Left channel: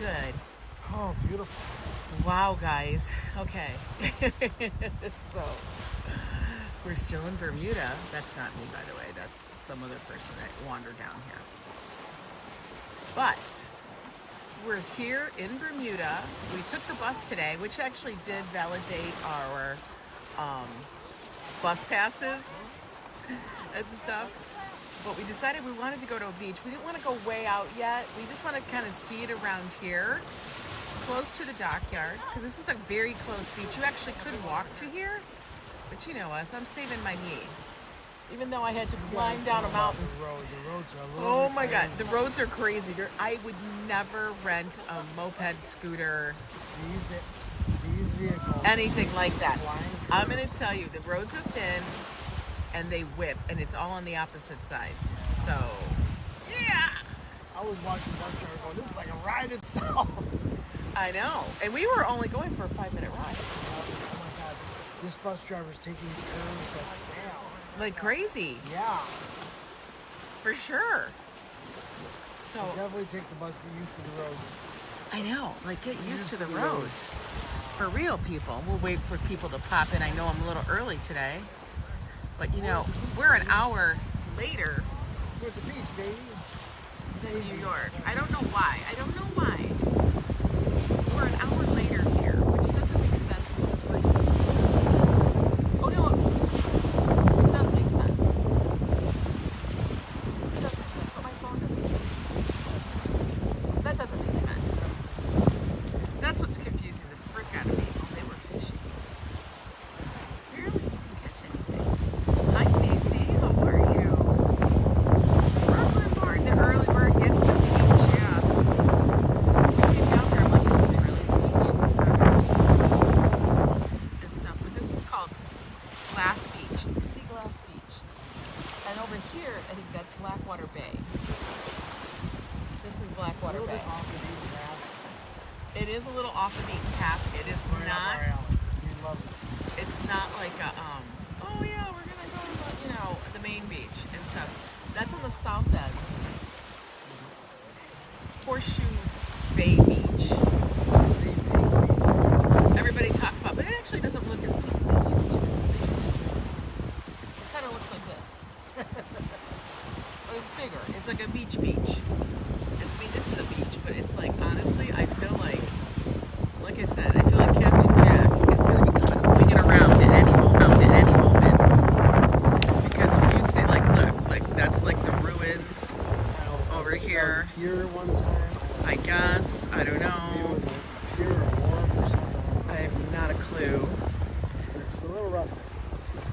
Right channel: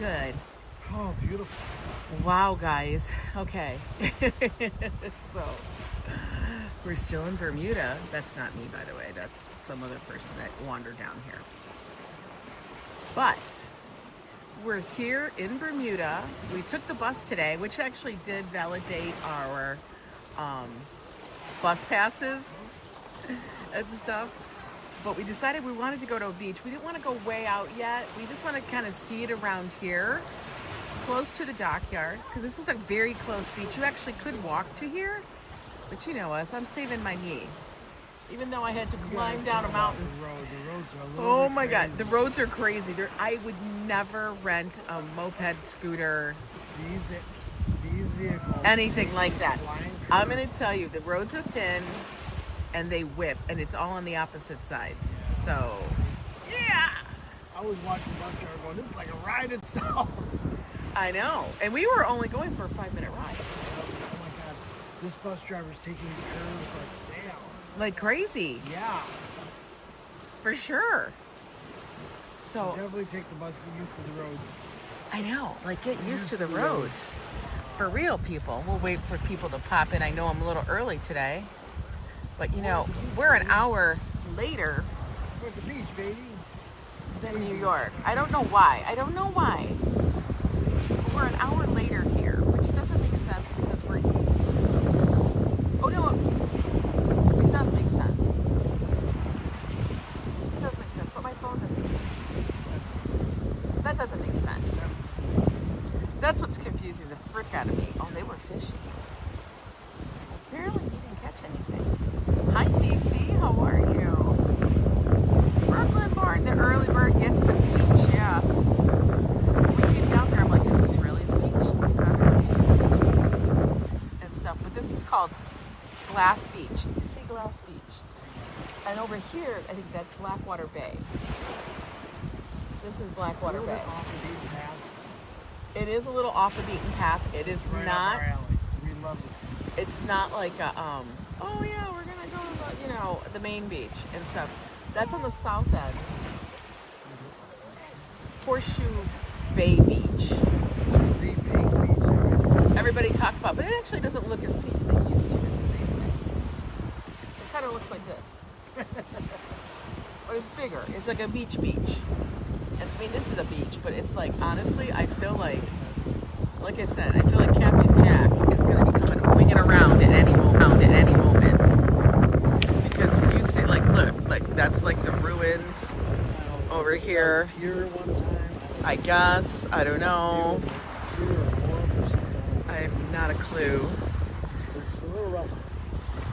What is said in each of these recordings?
good. Oh, beautiful. Wow, guys. Okay. So, we're still in Bermuda. That's not me, by the way. That's some other person that wandered down here. But we're here in Bermuda. We took the bus today, which actually did validate our bus passes and stuff. But we decided we wanted to go to a beach. We didn't want to go way out yet. We just want to kind of see it around here, close to the dockyard, because this is a very close beach. You actually could walk to here, but you know us, I'm saving my knee. Even though I had to climb down a mountain. The roads are Oh my God, the roads are crazy. I would never rent a moped, scooter, These vehicles, anything like that. I'm going to tell you, the roads are thin and they whip, and it's all on the opposite sides. So, yeah. I was watching bus driver going, this is like a ride itself. I know. And we were only going for a 5-minute ride. Oh my God. This bus driver's taking his curves like, damn. Like crazy. Yeah. For sure. So definitely take the bus, get used to the roads. I know. Like, get used to the roads. For real, people. We'll wait for people to pop in. I know I'm a little early today. But, you know, we're an hour later. We're at the beach, baby. Than New York. I don't know why. We're an hour later here, which doesn't make sense because we're east. Oh no, it does make sense. It does make sense, but my phone doesn't make sense. That doesn't make sense. That's what's confusing the frick out of me. Oh, they were fishing. Apparently you didn't catch anything. Hi DC, how are you? Brooklyn born, the early bird gets the beach, yeah. We came down here, I'm like, is this really the beach? I'm confused. And stuff, but this is called Glass Beach, Sea Glass Beach. And over here, I think that's Blackwater Bay. This is Blackwater Bay. It is a little off the beaten path. It is right not, up our alley. We love this place. It's not like a, oh yeah, we're gonna go to, you know, the main beach and stuff. That's on the south end. Horseshoe Bay Beach. This is the pink beach. Everybody talks about, but it actually doesn't look as pink when you see this. It kind of looks like this. But it's bigger. It's like a beach. And I mean, this is a beach, but it's like, honestly, I feel like I said, I feel like Captain Jack is going to be coming, winging around at any moment. Because if you see, like, look, like, that's like the ruins over here. Here one time. I guess. I don't know. I have not a clue. It's a little rustic.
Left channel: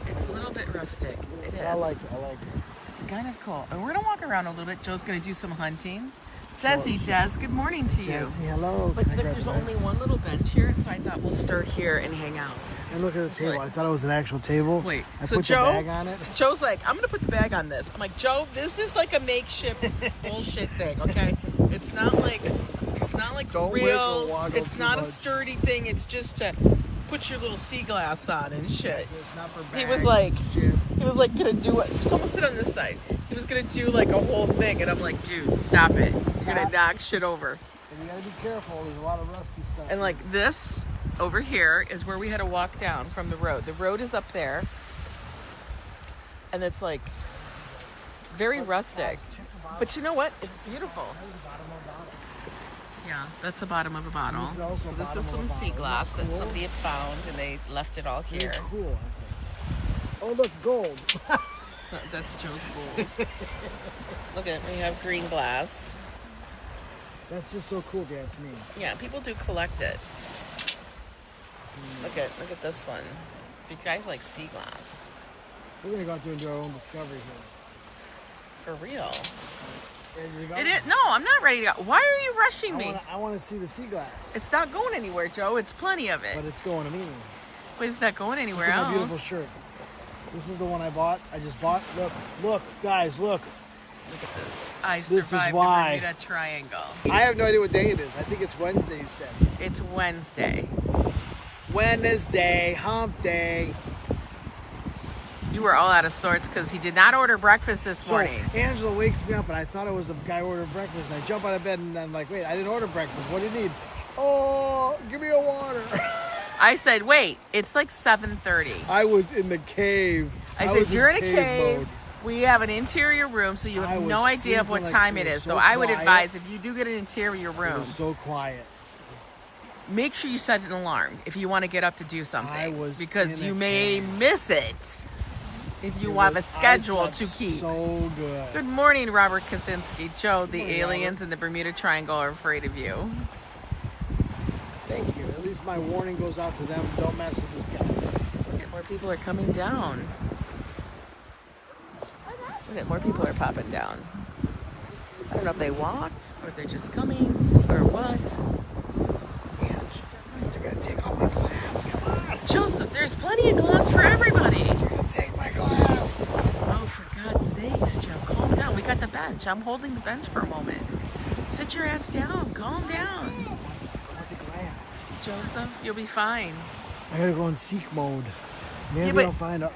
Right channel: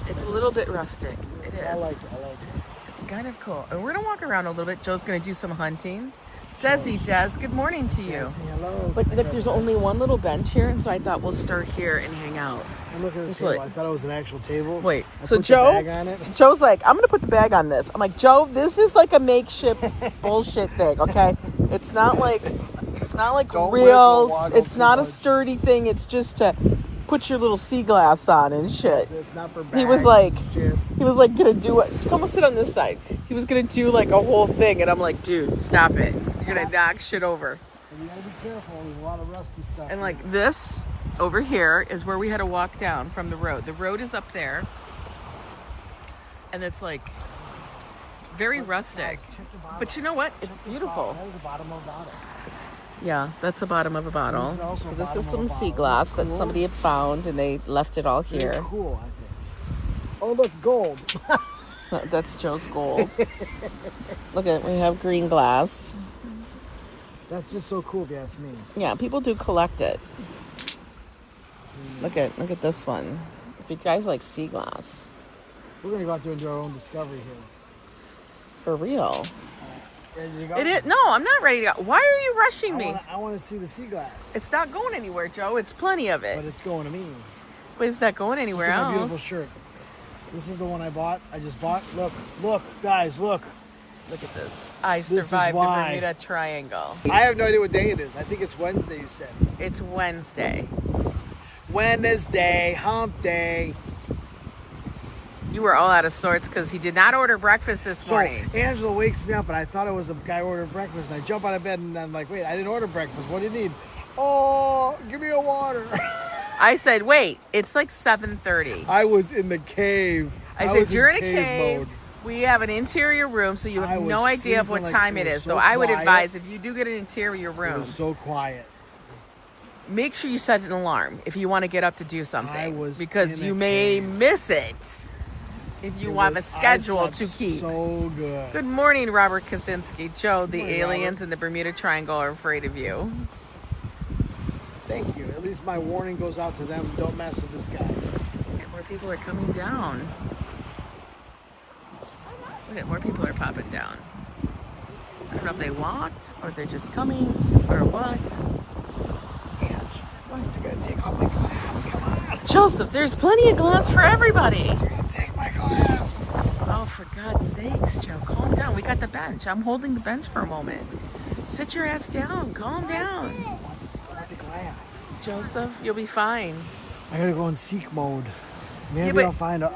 It's a little bit rustic. It is. I like it. It's kind of cool. And we're going to walk around a little bit. Joe's going to do some hunting. Des, good morning to you. Desi, hello. Like, there's only one little bench here, and so I thought we'll start here and hang out. I look at the table. I thought it was an actual table. Wait, I so put Joe, the bag on it. Joe's like, I'm gonna put the bag on this. I'm like, Joe, this is like a makeshift bullshit thing, okay? It's not like Don't real. wiggle, It's not a much. sturdy thing. It's just to put your little sea glass on and shit. It's not for He was bags, like gonna do it. Come and sit on this side. He was gonna do like a whole thing, and I'm like, dude, stop it. You're gonna knock shit over. And you gotta be careful. There's a lot of rusty stuff. And like this over here is where we had to walk down from the road. The road is up there, and it's like very rustic. But you know what? It's beautiful. That was the bottom of the bottle. Yeah, that's the bottom of a bottle. So this is some sea glass that somebody had found, and they left it all here. Very cool. Oh, look, gold. That's Joe's gold. Look at it. We have green glass. That's just so cool, if you ask me. Yeah, people do collect it. Look at this one. If you guys like sea glass, We're gonna go out there and do our own discovery here. for real. And you go- It is. No, I'm not ready to go. Why are you rushing me? I want to see the sea glass. It's not going anywhere, Joe. It's plenty of it. But it's going to me. But it's not going anywhere Look at else. my beautiful shirt. This is the one I bought. I just bought. Look, guys, look. Look at this. I This is survived the why. Bermuda Triangle. I have no idea what day it is. I think it's Wednesday, you said. It's Wednesday. Wednesday, hump day. You were all out of sorts because he did not order breakfast this morning. So Angela wakes me up, and I thought it was a guy ordering breakfast. And I jump out of bed, and I'm like, wait, I didn't order breakfast. What do you need? Oh, give me a water. I said, wait, it's like 7:30. I was in the cave. I said, you're in a cave. Mode. We have an interior room, so you have no idea of what time it is. So I would advise, if you do get an interior room, it was so quiet. Make sure you set an alarm if you want to get up to do something, because you may miss it if you have a schedule to keep. So good. Good morning, Robert Kaczynski. Joe, the aliens in the Bermuda Triangle are afraid of you. Thank you. At least my warning goes out to them. Don't mess with this guy. More people are coming down. Look at more people are popping down. I don't know if they walked or if they're just coming or what. Why aren't you gonna take off my glass? Come on. Joseph, there's plenty of glass for everybody. You're gonna take my glass. Oh, for God's sakes, Joe, calm down. We got the bench. I'm holding the bench for a moment. Sit your ass down. Calm down. I want the glass. Joseph, you'll be fine. I gotta go in seek mode. Maybe I'll find a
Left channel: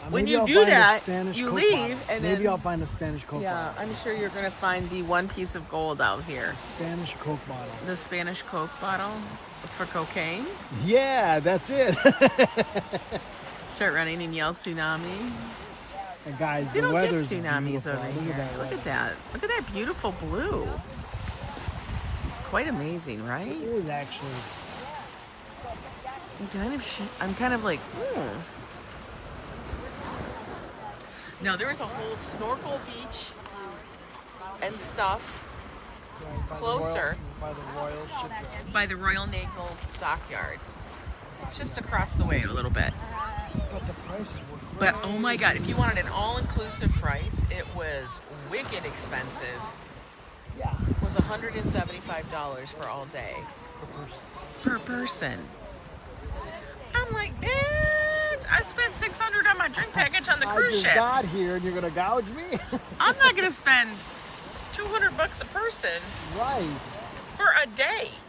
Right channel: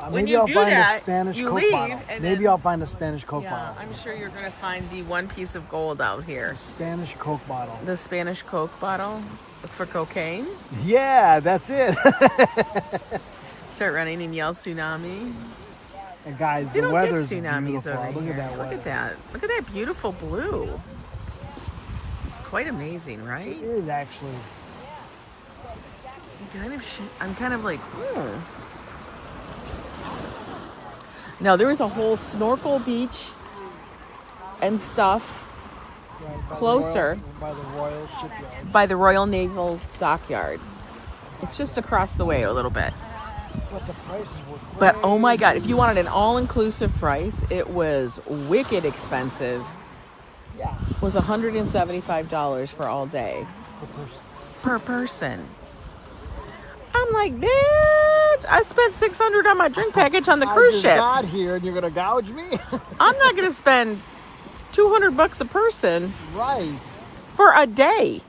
Spanish Coke bottle. Maybe I'll find a Spanish Coke bottle. I'm sure you're gonna find the one piece of gold out here. Spanish Coke bottle. The Spanish Coke bottle for cocaine? Yeah, that's it. Start running and yell tsunami. And guys, they don't get weather's tsunamis beautiful. over here. Look at that. Look at that beautiful blue. It's quite amazing, right? It is actually. I'm kind of like, No, there is a whole snorkel beach and stuff closer by the Royal Naval Dockyard. It's just across the way a little bit. But oh my God, if you wanted an all-inclusive price, it was wicked expensive. It was $175 for all day. Per person. I'm like, bitch, I spent $600 on my drink package on the cruise ship. I just got here and you're gonna gouge me? I'm not gonna spend $200 a person. Right. For a day.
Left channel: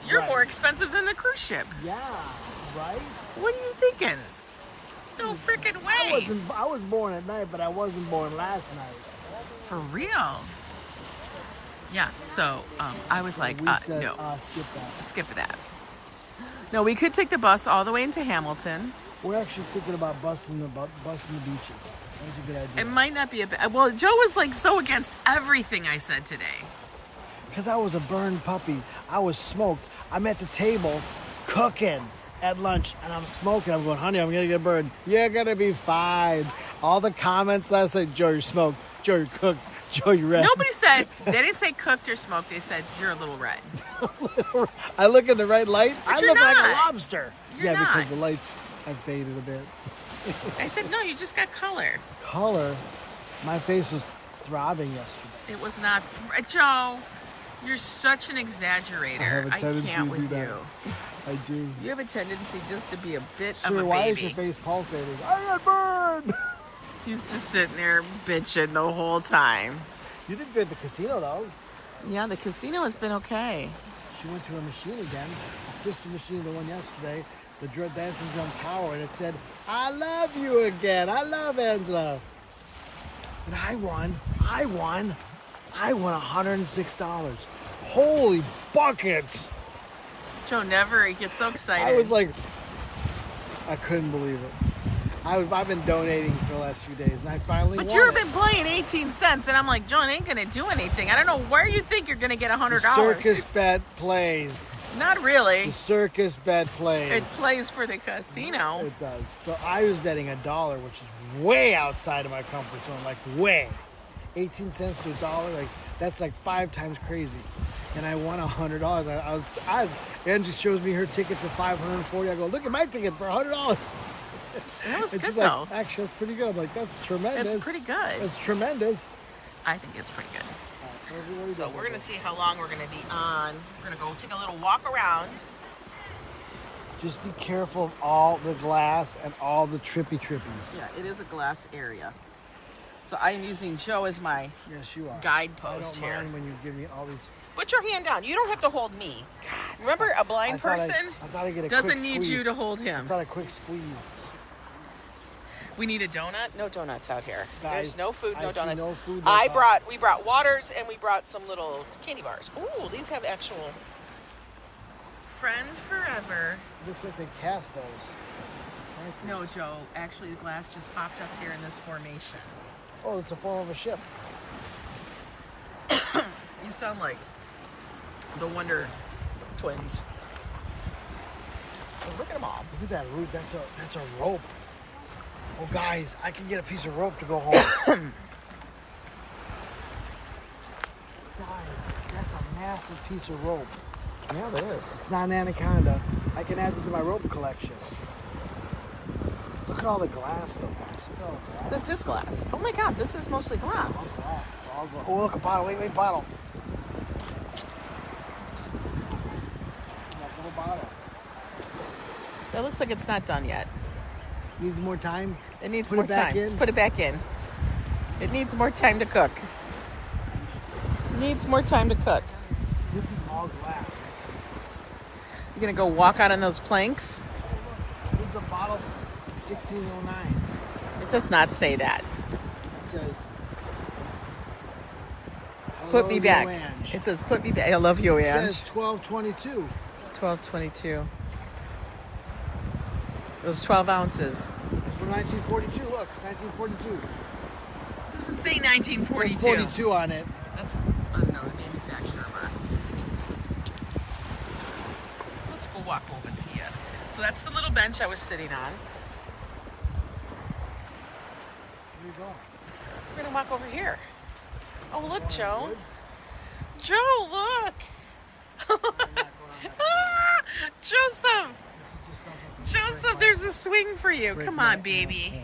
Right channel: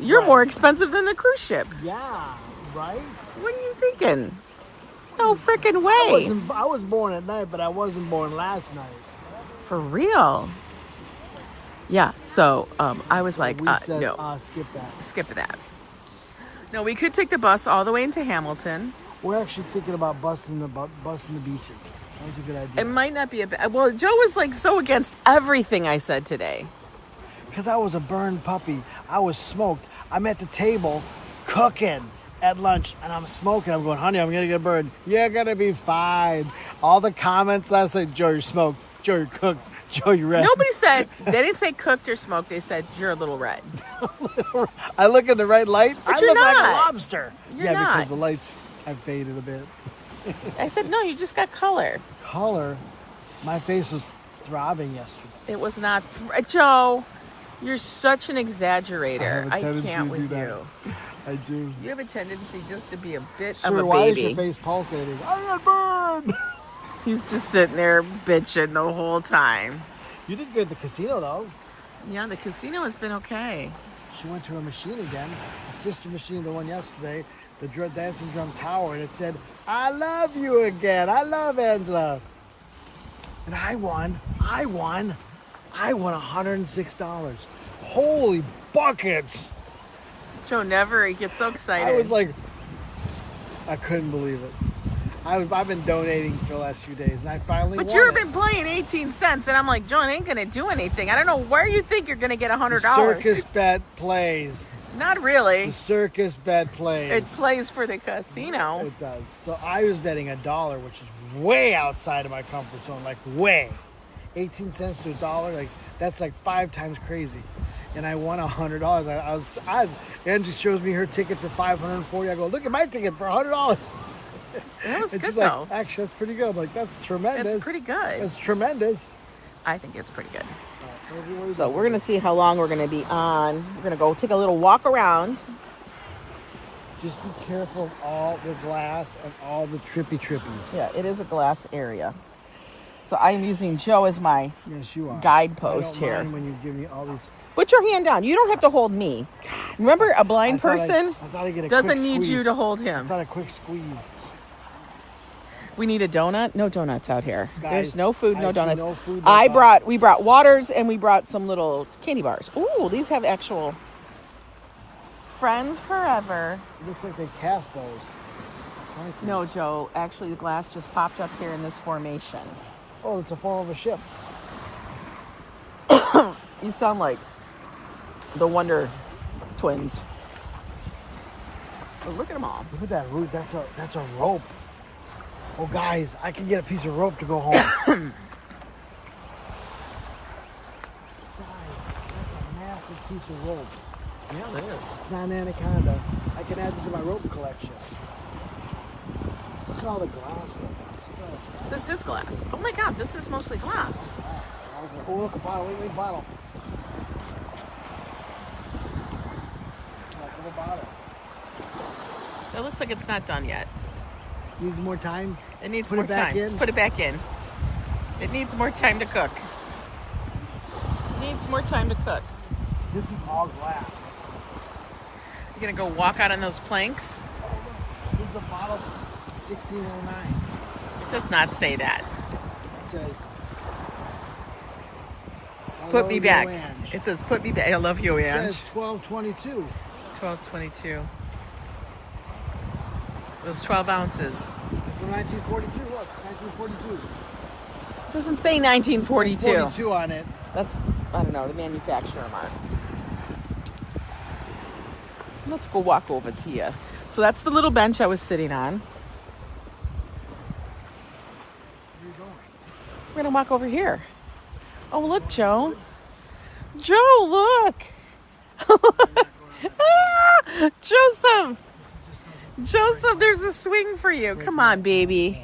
You're more expensive than the cruise ship. Yeah, right? What are you thinking? No freaking way. I was born at night, but I wasn't born last night. For real? Yeah, so I was like, no. Skip that. Skip that. No, we could take the bus all the way into Hamilton. We're actually thinking about busing the beaches. That's a good idea. It might not be a bad... Well, Joe was like so against everything I said today. Because I was a burned puppy. I was smoked. I'm at the table cooking at lunch and I'm smoking. I'm going, honey, I'm going to get burned. You're going to be fine. All the comments last night, Joe, you're smoked. Joe, you're cooked. Joe, you're red. Nobody said, they didn't say cooked or smoked. They said, you're a little red. I look in the right light. But I you're look not. like a lobster. You're not. Because the lights have faded a bit. I said, no, you just got color. Color? My face was throbbing yesterday. It was not. Joe, you're such an exaggerator. I can't with you. I do. You have a tendency just to be a bit Sir, of a baby. Why is your face pulsating? I got burned. He's just sitting there bitching the whole time. You did good at the casino, though. Yeah, the casino has been okay. She went to a machine again, a sister machine, the one yesterday, the Dancing Drum Tower, and it said, I love you again. I love Angela. And I won $106. Holy buckets. Joe he gets so excited. I was like, I couldn't believe it. I've been donating for the last few days, and I finally won. But you've been playing 18 cents, and I'm like, John ain't going to do anything. I don't know where you think you're going to get $100. The circus bet plays. Not really. The circus bet plays. It plays for the casino. It does. So I was betting $1, which is way outside of my comfort zone, like way. 18 cents to $1, like that's like 5 times crazy. And I won $100. I was Angie shows me her ticket for $540. I go, look at my ticket for $100. That was good, she's though. Like, actually, that's pretty good. I'm like, that's tremendous. It's pretty good. That's tremendous. I think it's pretty good. So we're going to see how long we're going to be on. We're going to go take a little walk around. Just be careful of all the glass and all the trippies. Yeah, it is a glass area. So I'm using Joe as my guidepost here. When you give me all these... Put your hand down. You don't have to hold me. Remember, a blind person doesn't need you to hold him. I got a quick squeeze. We need a donut. No donuts out here. Guys, There's no food, no I see donuts. no food, no We brought waters and we brought some little candy bars. Ooh, these have actual friends forever. Looks like they cast those. No, Joe. Actually, the glass just popped up here in this formation. Oh, it's a form of a ship. You sound like the Wonder Twins. Oh, look at them all. Look at that root. That's a rope. Oh, guys, I can get a piece of rope to go home. Guys, that's a massive piece of rope. Yeah, it is. It's not an anaconda. I can add it to my rope collection. Look at all the glass, though, guys. Look at all the glass. This is glass. Oh my God, this is mostly glass. Oh, look, a bottle. Wait, bottle. Look, a bottle. That looks like it's not done yet. Needs more time. It needs Put more it back time. in. Put it back in. It needs more time to cook. Needs more time to cook. This is all glass. You're gonna go walk out on those planks? Oh, look. This is a bottle 1609. It does not say that. It says, Put me Yo back. Ang. It says put me back. I love Yo It Ang. says 1222. 1222. Those 12 ounces. It's from 1942. Look, 1942. It doesn't say There's 1942. 42 on it. That's, I don't know, the manufacturer mark. Let's go walk over to you. So that's the little bench I was sitting on. Where are you going? I'm gonna walk over here. Oh, look, Joe. Joe, look. Ah, Joseph. Joseph, there's a swing for you. Come on, baby.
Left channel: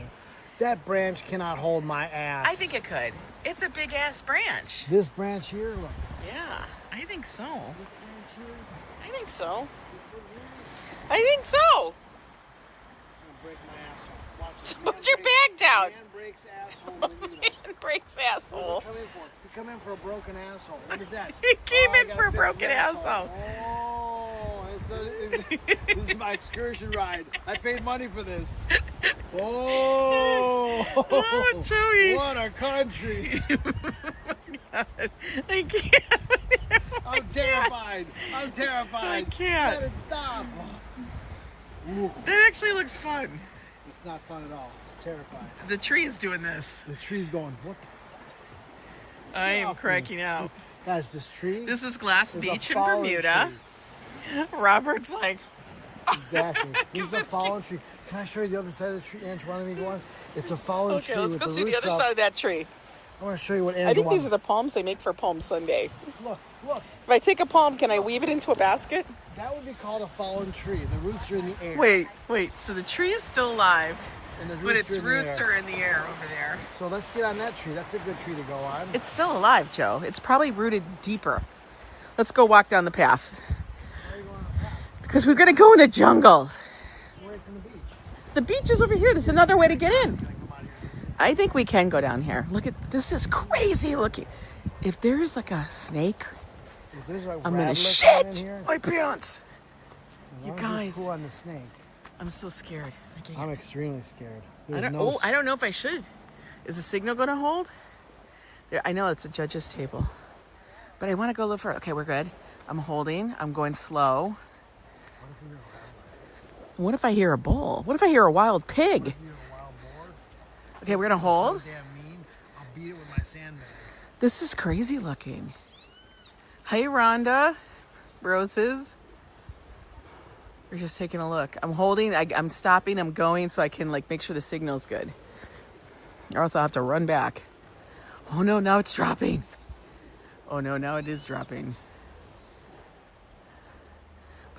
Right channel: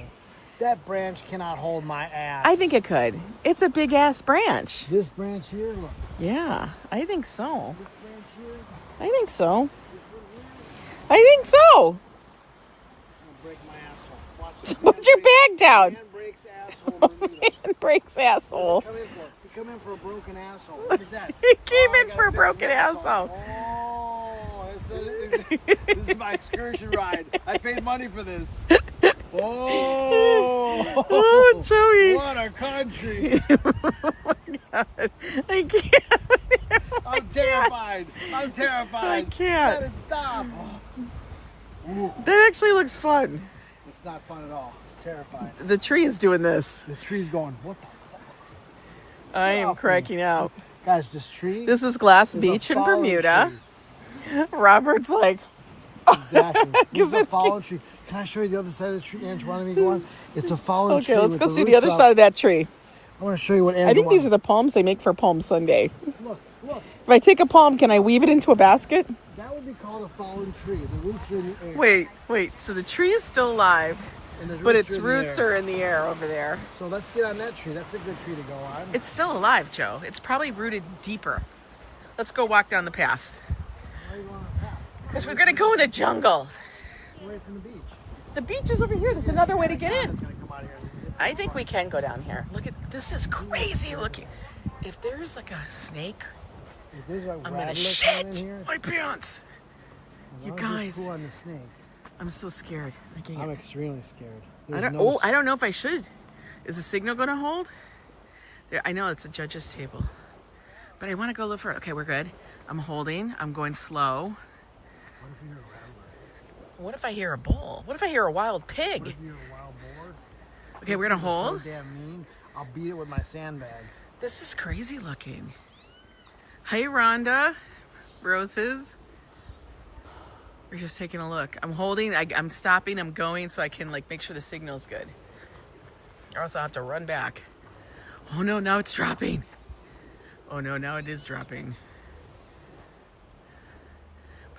That branch cannot hold my ass. I think it could. It's a big ass branch. This branch here, look. Yeah, I think so. This branch here. I think so. This one here. I think so. I'm gonna break my asshole. Watch this. Put your bag down. Man breaks asshole. Bermuda. Man breaks What asshole. did he come in for? He come in for a broken asshole. What is that? He came I in gotta for a fix broken the asshole. Oh, this is my excursion ride. I paid money for this. Oh, Oh, Joey. What a country. Oh my God. I can't. I'm terrified. I'm terrified. I can't. Let it stop. Ooh. That actually looks fun. It's not fun at all. It's terrifying. The tree is doing this. The tree's going, what the? I am off me. cracking out. Guys, this tree This is Glass is a Beach in fallen Bermuda. tree. Robert's like, Exactly. This is a it's- fallen tree. Can I show you the other side of the tree, Ange? Why don't we go on? It's a fallen tree. okay, let's with go see the roots other up. side of that tree. I want to show you what I Andrew think wants. these are the palms they make for Palm Sunday. Look, look. If I take a palm, can I weave it into a basket? That would be called a fallen tree. The roots are in the air. Wait. So the tree is still alive, And the but its in the roots air. are in the air over there. So let's get on that tree. That's a good tree to go on. It's still alive, Joe. It's probably rooted deeper. Let's go walk down the path. Why are you going on the path? Because we're going to go in the jungle. It's away from the beach. The beach is over here. There's another way to get in. It's gonna come out here. I think we can go down here. Look at this. Is crazy looking. If there's like a snake, If there's like I'm gonna rattlers down in shit here, my pants. You why don't guys, pull on the snake? I'm so scared. I I'm can't. extremely scared. I There's don't. no Oh, I don't know if I should. Is the signal going to hold? There, I know it's a judge's table, but I want to go look for it. Okay, we're good. I'm holding. I'm going slow. What if you're a rattler? What if I hear a bull? What if I hear a wild pig? What if you're a wild boar? Okay, we're gonna So hold. damn mean. I'll beat it with my sandbag. This is crazy looking. Hey, Rhonda. Roses. We're just taking a look. I'm holding. I'm stopping. I'm going so I can like make sure the signal's good. Or else I'll have to run back. Oh no! Now it's dropping. Oh no! Now it is dropping.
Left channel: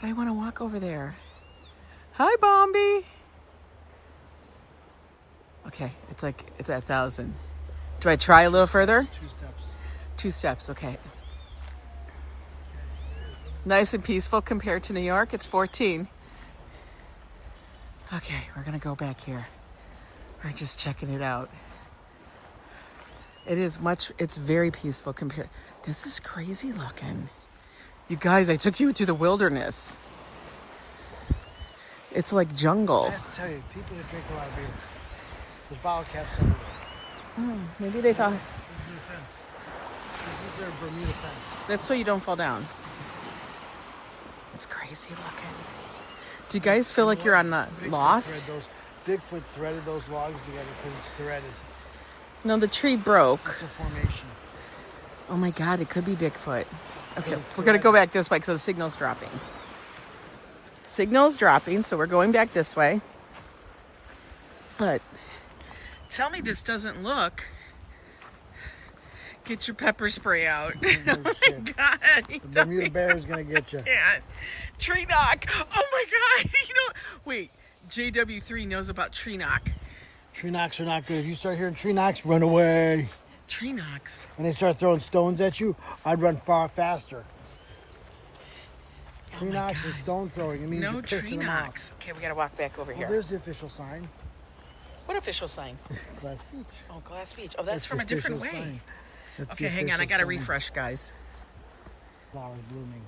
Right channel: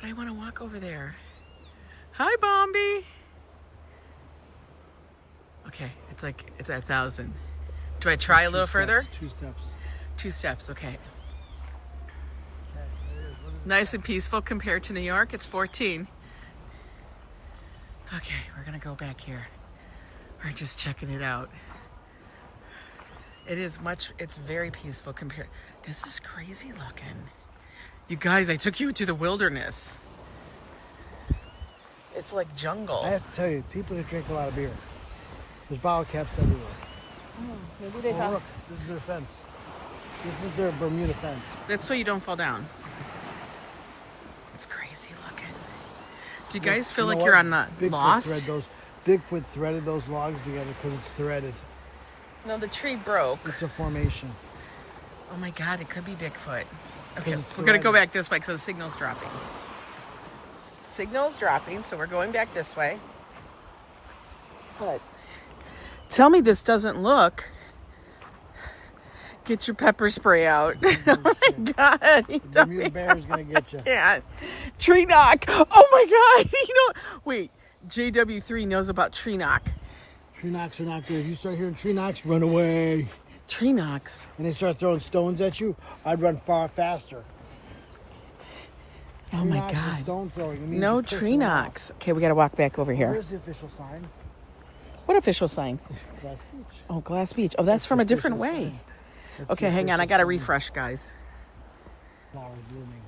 But I want to walk over there. Hi, Bombi. Okay, it's at 1,000. Do I try a little further? 2 steps. 2 steps, okay. Nice and peaceful compared to New York. It's 14. Okay, we're gonna go back here. We're just checking it out. It's very peaceful compared. This is crazy looking. You guys, I took you to the wilderness. It's like I jungle. have to tell you, people who drink a lot of beer. There's bottle caps everywhere. Maybe they thought... Look, this is their fence. This is their Bermuda fence. That's so you don't fall down. It's crazy looking. Do you guys feel like you're on the Lost? Bigfoot threaded those logs together because it's threaded. No, the tree broke. It's a formation. Oh my God, it could be Bigfoot. Okay, we're gonna go back this way because the signal's dropping. Signal's dropping, so we're going back this way. But tell me this doesn't look. Get your pepper spray out. Oh my God. The Bermuda bear is gonna get you. Yeah. Tree knock. Oh my God. You know, wait, JW3 knows about tree knock. Tree knocks are not good. If you start hearing tree knocks, run away. Tree knocks. When they start throwing stones at you, I'd run far faster. Oh Tree my knocks God. and stone throwing. It means No you're tree pissing them knocks. Okay, we gotta walk back over off. here. There's the official sign. What official sign? Glass Beach. Oh, Glass Beach. Oh, that's It's from the a different official way. sign. That's Okay, the hang on. I official gotta sign. refresh, guys. Flowers blooming.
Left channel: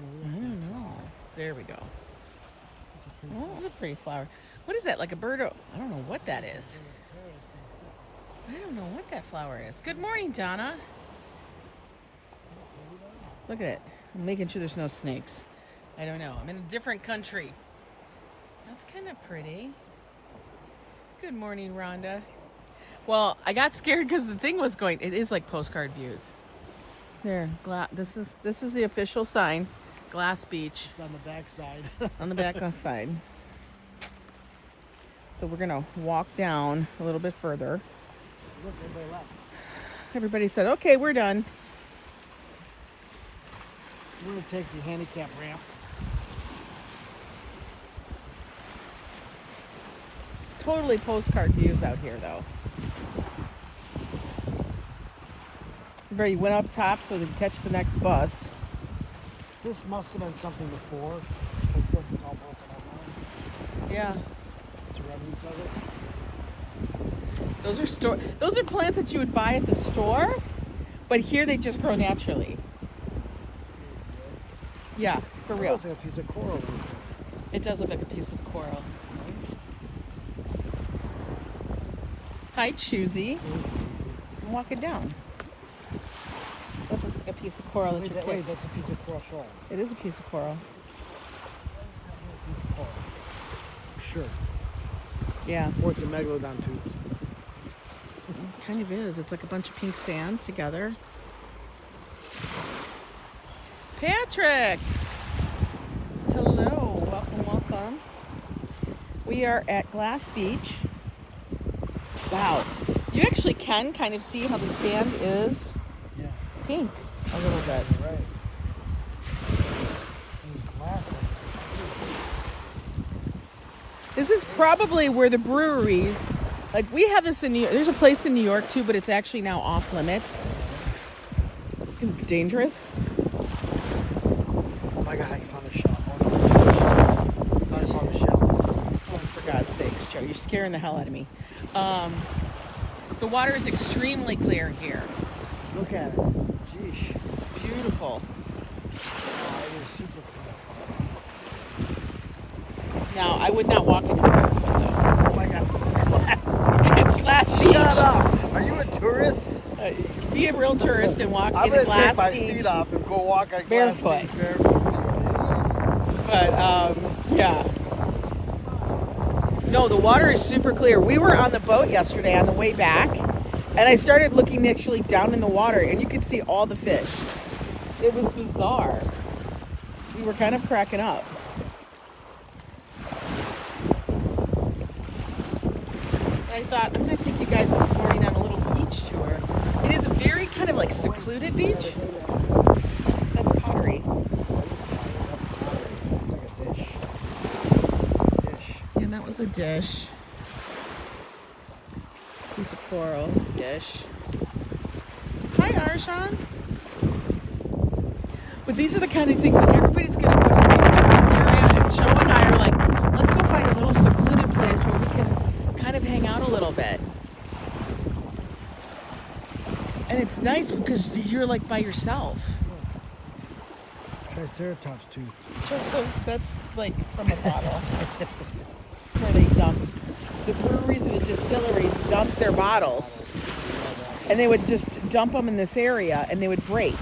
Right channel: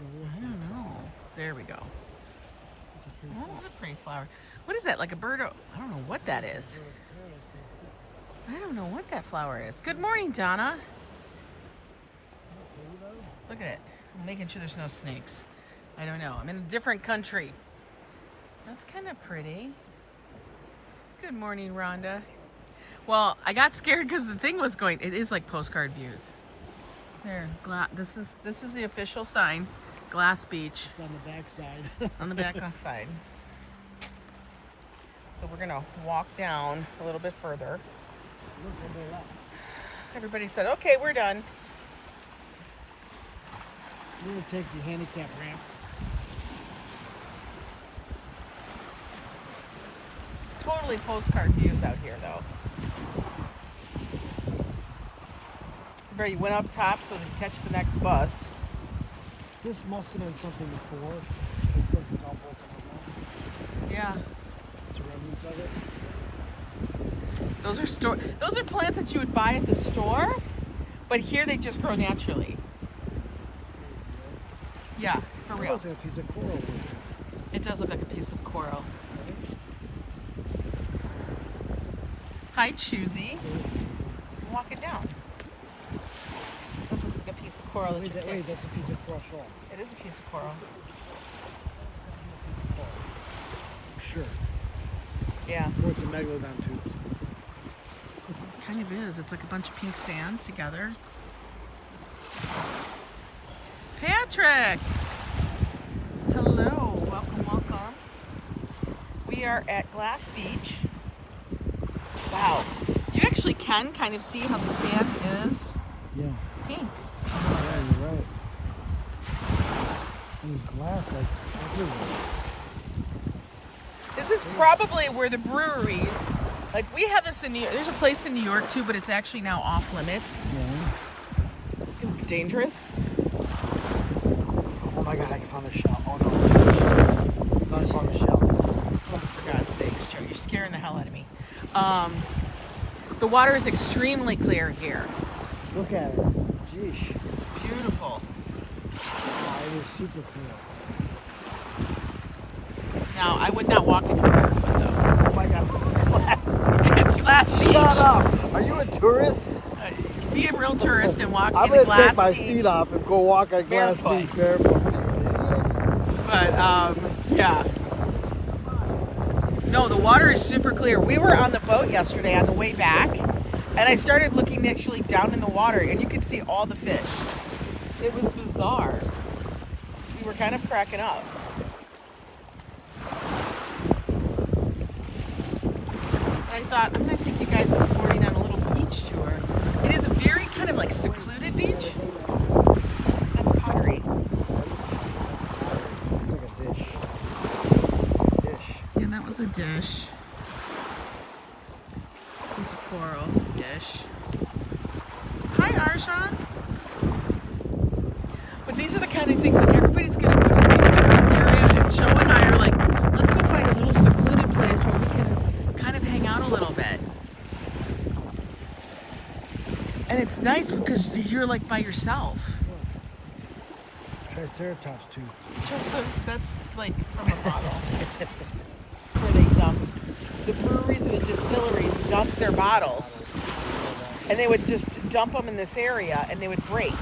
I don't know. There we go. Oh, that's a pretty flower. What is that? Like a bird? I don't know what that is. I don't know what that flower is. Good morning, Donna. Look at it. I'm making sure there's no snakes. I don't know. I'm in a different country. That's kind of pretty. Good morning, Rhonda. Well, I got scared because the thing was going. It is like postcard views. There, this is the official sign, Glass Beach. It's on the back side. On the back side. So we're gonna walk down a little bit further. Look, everybody left. Everybody said, "Okay, we're done." We're gonna take the handicap ramp. Totally postcard views out here, though. Everybody went up top so they could catch the next bus. This must have been something before. Yeah. It's remnants of it. Those are plants that you would buy at the store, but here they just grow naturally. Yeah, for It real. looks like a piece of coral. It does look like a piece of coral. Hi, Choosy. I'm walking down. That looks like a piece of coral. Wait, that's a piece of coral shell. It is a piece of coral. For sure. Yeah, Or it's a megalodon tooth. it kind of is. It's like a bunch of pink sands together. Patrick! Hello, welcome. We are at Glass Beach. Wow. You actually can kind of see how the sand is pink a little bit. This is probably where the breweries, like we have this in New York, there's a place in New York too, but it's actually now off limits. It's dangerous. Oh my God, I found a shell. Oh no. I found a shell. Oh, for God's sakes, Joe, you're scaring the hell out of me. The water is extremely clear here. Look at it. Jeesh. It's beautiful. It is super cool. Now, I would not walk in here barefoot, though. Oh my God. It's Glass Beach. Shut up. Are you a tourist? Be a real tourist and walk I'm in gonna Glass take my Beach. feet off and go walk on Glass Barefoot. Beach barefoot. But, yeah. No, the water is super clear. We were on the boat yesterday on the way back, and I started looking actually down in the water, and you could see all the fish. It was bizarre. We were kind of cracking up. I thought, I'm going to take you guys this morning on a little beach tour. It is a very kind of like secluded beach. That's pottery. It's like a dish. And that was a dish. Piece of coral dish. Hi, Arshan. But these are the kind of things that everybody's going to go to this area, and Joe and I are like, let's go find a little secluded place where we can kind of hang out a little bit. And it's nice because you're like by yourself. Triceratops tooth. Just that's like from a bottle. Where they dumped. The breweries, we and they would just dump them in this area, and they would break.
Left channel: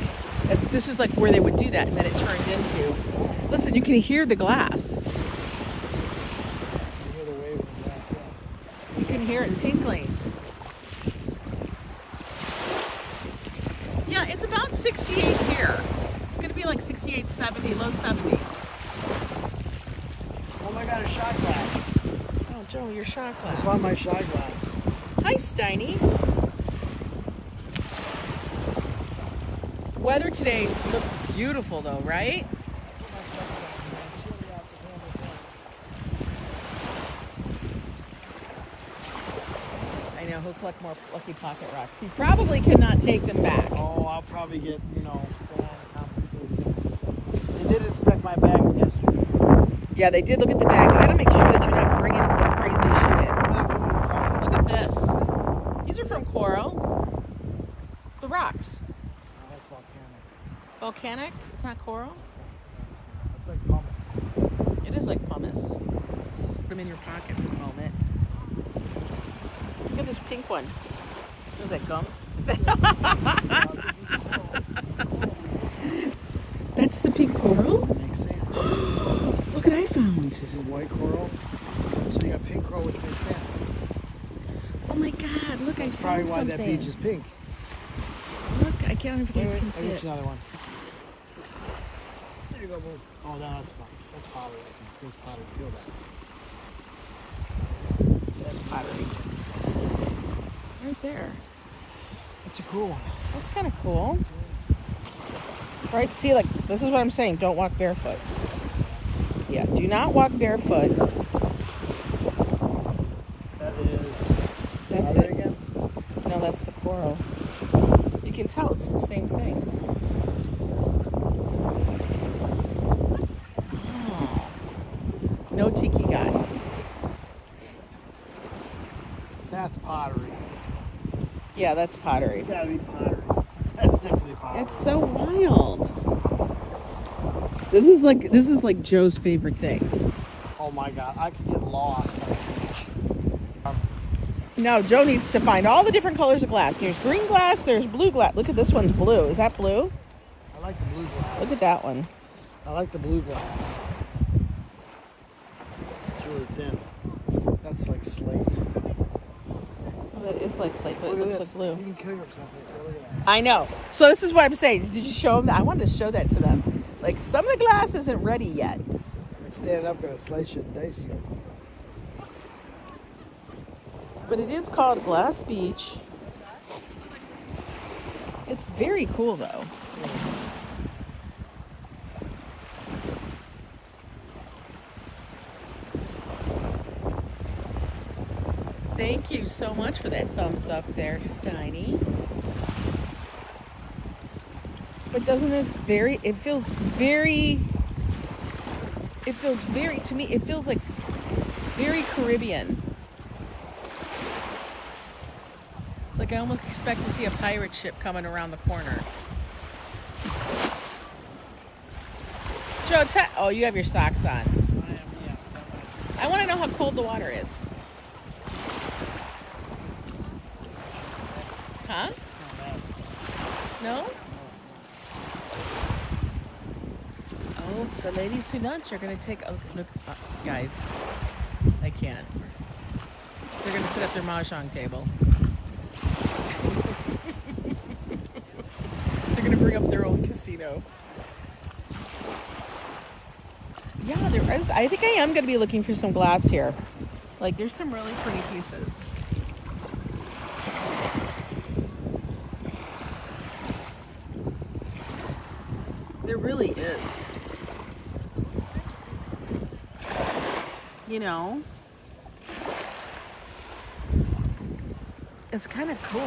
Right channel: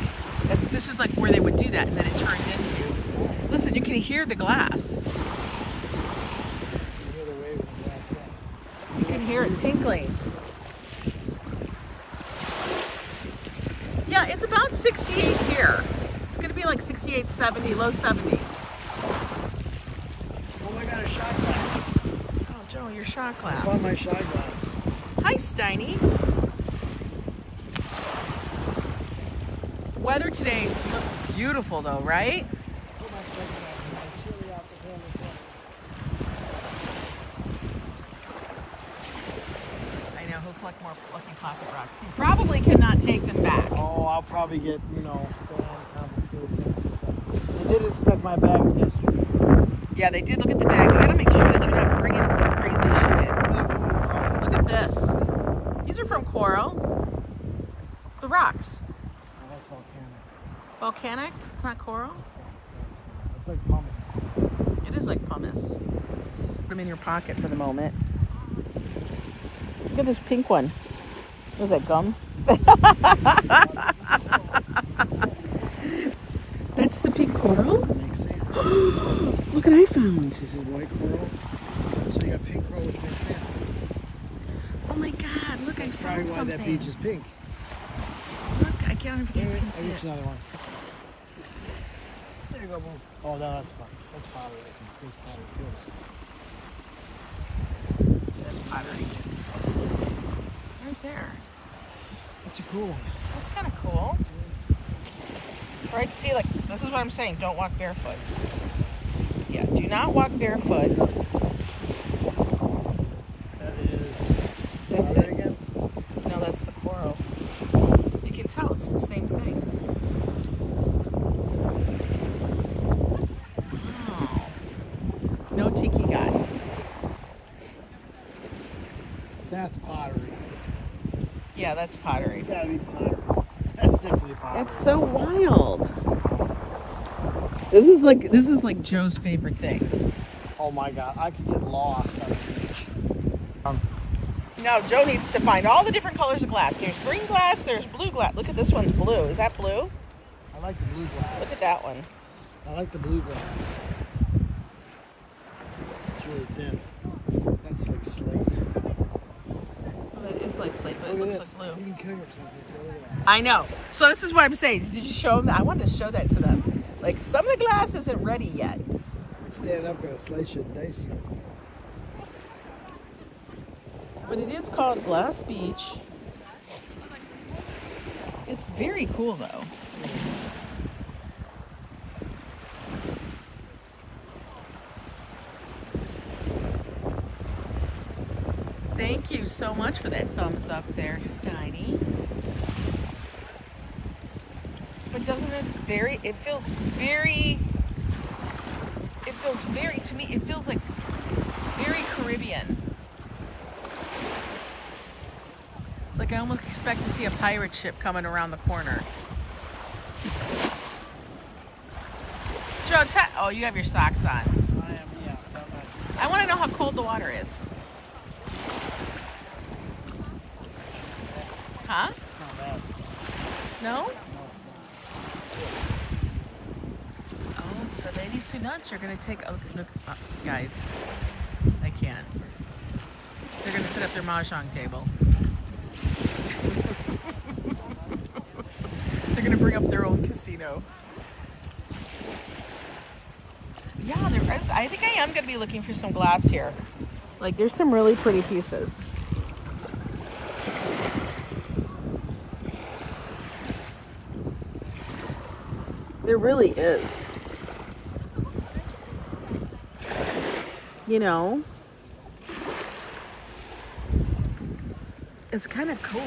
And this is like where they would do that, and then it turned into. Listen, you can hear the glass. You can hear it tinkling. Yeah, it's about 68 here. It's gonna be like 68, 70, low 70s. Oh my God, a shot glass. Oh, Joe, your shot glass. I found my shot glass. Hi, Steiny. Weather today looks beautiful though, right? I know, he'll collect more Lucky Pocket Rocks. He probably cannot take them back. Oh, I'll probably get, you know, I did inspect my bag yesterday. Yeah, they did look at the bag. You gotta make sure that you're not bringing some crazy shit in. Look at this. These are from Coral. The rocks. That's volcanic. Volcanic? It's not coral? It's like pumice. It is like pumice. Put them in your pocket for the moment. Look at this pink one. Was that gum? That's the pink coral? Makes sand. Look what I found. This is white coral. So you got pink coral, which makes sand. Oh my God, look, That's I probably found why something. that beach is pink. Look, I can't even Wait, can I'll see get it. you another one. There you go, boo. Oh, no, that's fine. That's pottery. I can taste pottery. Feel that. See, that's pottery. Right there. That's a cool one. That's kind of cool. Right, see, like, this is what I'm saying. Don't walk barefoot. Yeah, do not walk barefoot. That is. That's pottery it. again? No, that's the coral. You can tell it's the same thing. Wow. No tiki gods. That's pottery. Yeah, that's pottery. It's gotta be pottery. That's definitely pottery. It's so wild. This is like Joe's favorite thing. Oh my God, I could get lost on the beach. No, Joe needs to find all the different colors of glass. There's green glass, there's blue glass. Look at this one's blue. Is that blue? I like the blue glass. Look at that one. I like the blue glass. It's really thin. That's like slate. Oh, that is like slate, but it Look at looks this. like blue. You can kill yourself right there. Look at that. I know. So this is what I'm saying. Did you show them that? I wanted to show that to them. Like, some of the glass isn't ready yet. It's standing up with a slate shit dicey. But it is called Glass Beach. It's very cool though. Thank you so much for that thumbs up there, Steiny. But doesn't this it feels very, to me, it feels like very Caribbean. Like I almost expect to see a pirate ship coming around the corner. Joe, oh, you have your socks on. I am, yeah. I want to know how cold the water is. Huh? It's not bad. No? No, it's not. Oh, the ladies who lunch are going to take a look. Guys, I can't. They're going to set up their mahjong table. They're going to bring up their own casino. Yeah, there is. I think I am going to be looking for some glass here. Like, there's some really pretty pieces. There really is. You know? It's kind of cool.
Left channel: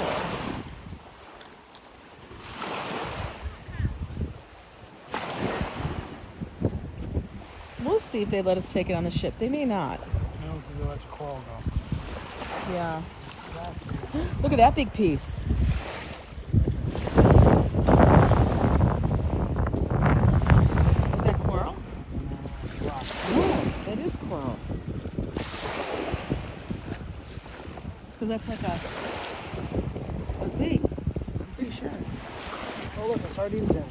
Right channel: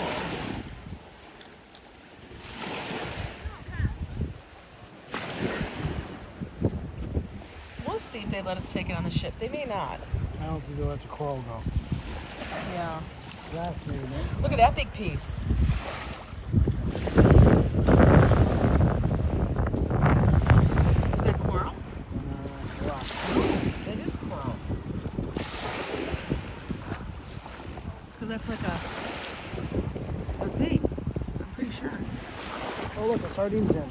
We'll see if they let us take it on the ship. They may not. I don't think they'll let the coral go. Yeah. That's good. Look at that big piece. Is that coral? Oh, it is coral. Because that's like a thing. sure. Oh, look, a sardine tin.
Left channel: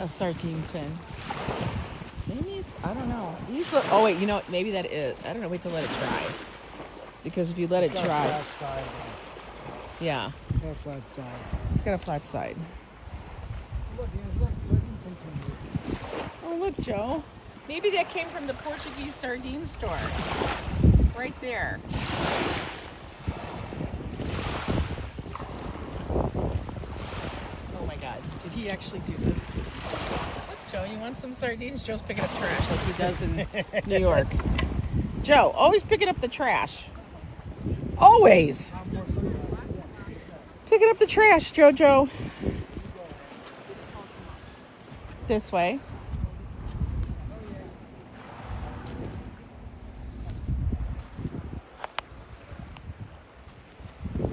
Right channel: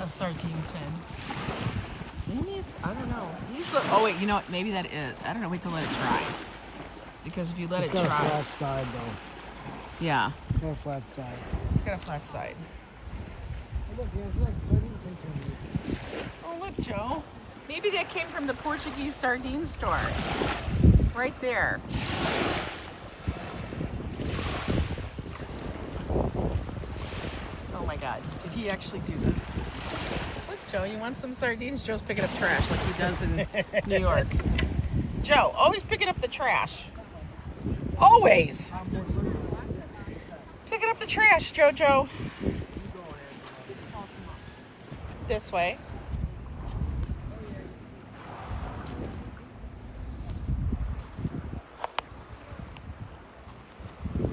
A sardine tin. Maybe it's, I don't know. Oh wait, you know what? Maybe that is. I don't know. Wait to let it dry. Because if you let it dry. Flat side, yeah. it's got a flat side. It's got a flat side. Oh look, Joe. Maybe that came from the Portuguese sardine store. Right there. Oh my God. Did he actually do this? Look, Joe, you want some sardines? Joe's picking up trash like he does in New York. Joe, always picking up the trash. Always. Picking up the trash, Jojo. This way.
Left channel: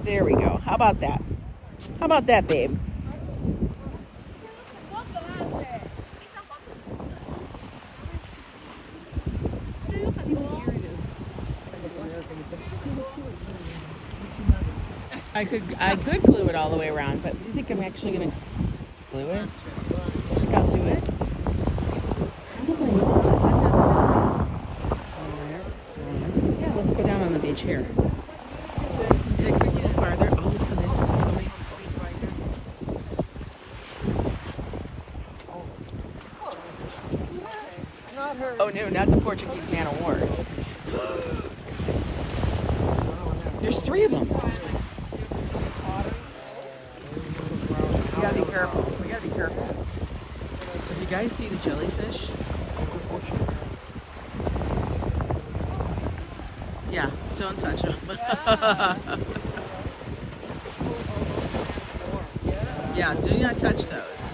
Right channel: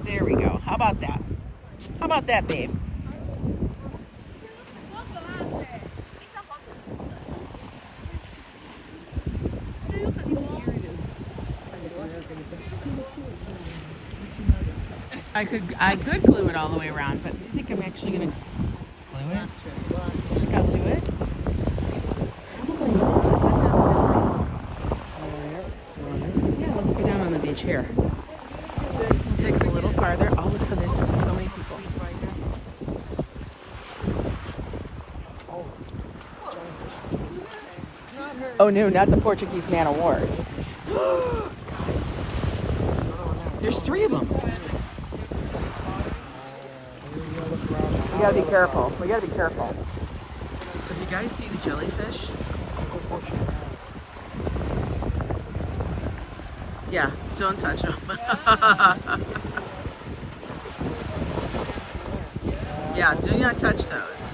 There we go. How about that? How about that, babe? I could glue it all the way around, but do you think I'm actually gonna glue it? Think I'll do it? Yeah, let's go down on the beach here. Take it a little farther. Oh, so there's so many sweets right here. Oh no, not the Portuguese man of war. There's 3 of them. We gotta be careful. We gotta be careful. So if you guys see the jellyfish, yeah, don't touch them. Yeah, do not touch those.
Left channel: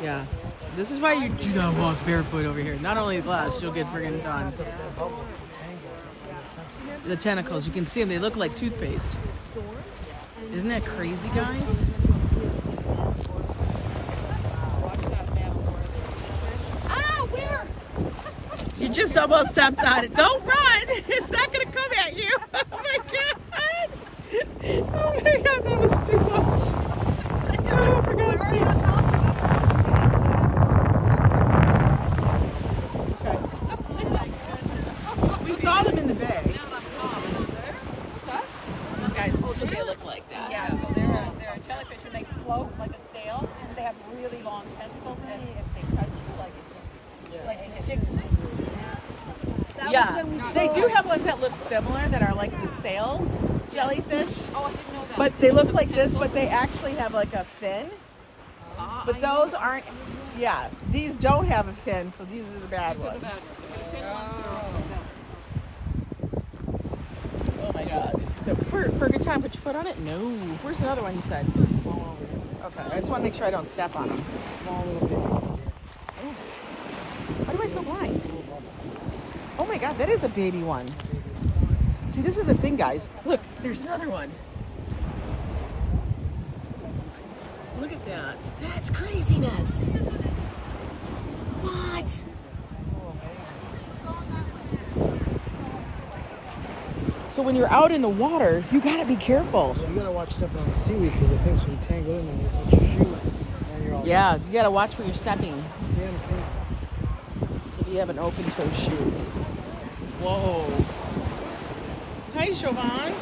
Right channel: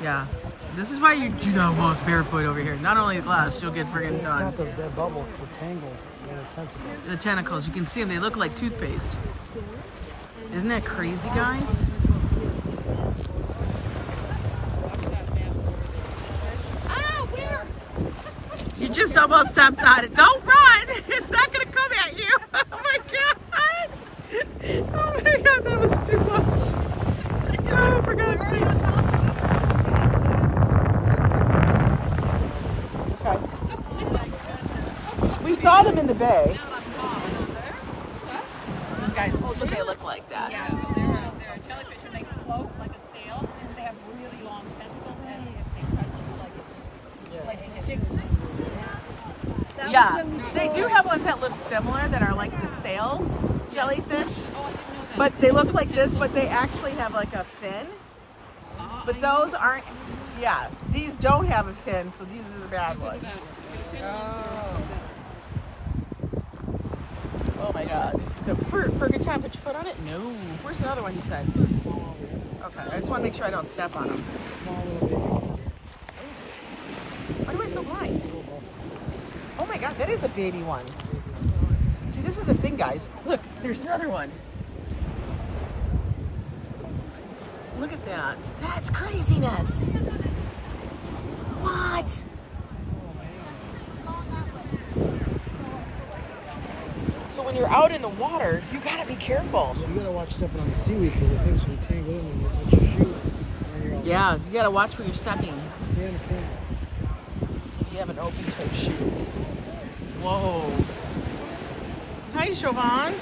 Yeah, this is why you do not walk barefoot over here. Not only the glass, you'll get friggin' done. The tentacles, you can see them. They look like toothpaste. Isn't that crazy, guys? Ah, where? You just almost stepped on it. Don't run! It's not gonna come at you. Oh my God! Oh my God, that was too much. Oh, for God's sake. Okay. We saw them in the bay. Guys, so they look like that. Yeah, so they're jellyfish and they float like a sail and they have really long tentacles and if they touch you, like it just sticks. Yeah, they do have ones that look similar that are like the sail jellyfish. Oh, I didn't know that. But they look like this, but they actually have like a fin. But those aren't, yeah, these don't have a fin, so these are the bad ones. Oh my God. So for a good time, put your foot on it? No. Where's the other one you said? Okay, I just want to make sure I don't step on them. Why do I feel blind? Oh my God, that is a baby one. See, this is the thing, guys. Look, there's another one. Look at that. That's craziness. What? So when you're out in the water, you gotta be careful. You gotta watch stepping on the seaweed because the things will tangle in and you touch your shoe. And you're all Yeah, you gotta watch where you're stepping. You understand? You have an open toe shoe. Whoa. Hi, Jfvintage.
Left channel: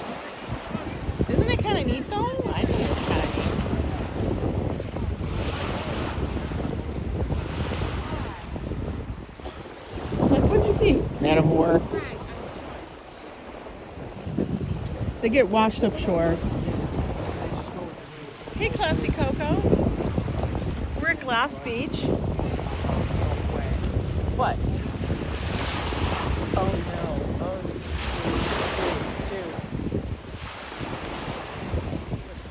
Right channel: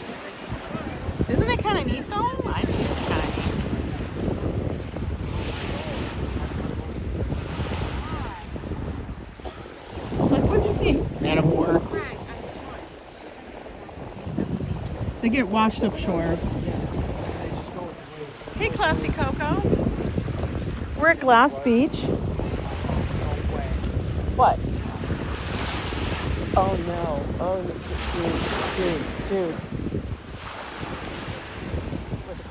Isn't it kind of neat though? I think it's kind of neat. Like, what did you see? Man of war. They get washed up shore. Hey, Classy Coco. We're at Glass Beach. What? Oh no. Oh, dude.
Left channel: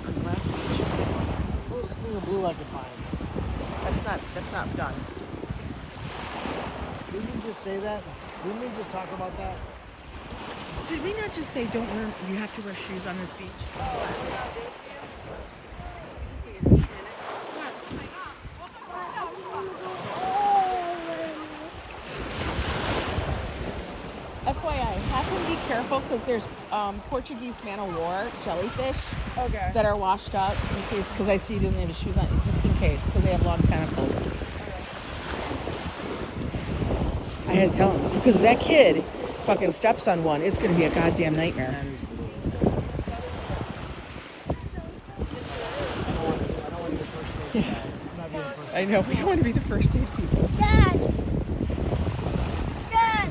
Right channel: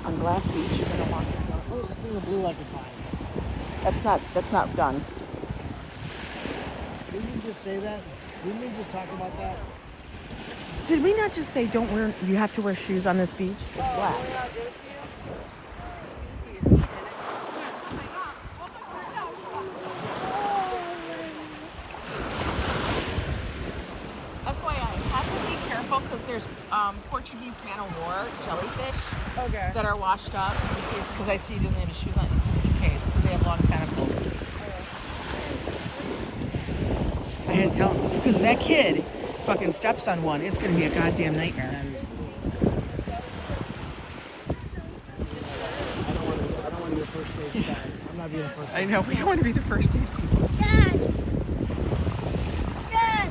On Glass Beach. What was this thing of blue I could find? That's not done. Didn't we just say that? Didn't we just talk about that? Did we not just say you have to wear shoes on this beach? What? FYI, have to be careful careful because there's Portuguese man o' war jellyfish Okay. that are washed up in case, because I see you didn't need a shoe on it, just in case, because they have long tentacles. I had to tell him, because if that kid fucking steps on one, it's going to be a goddamn nightmare. That is I know, we don't want to be the first aid people. Dad! Dad!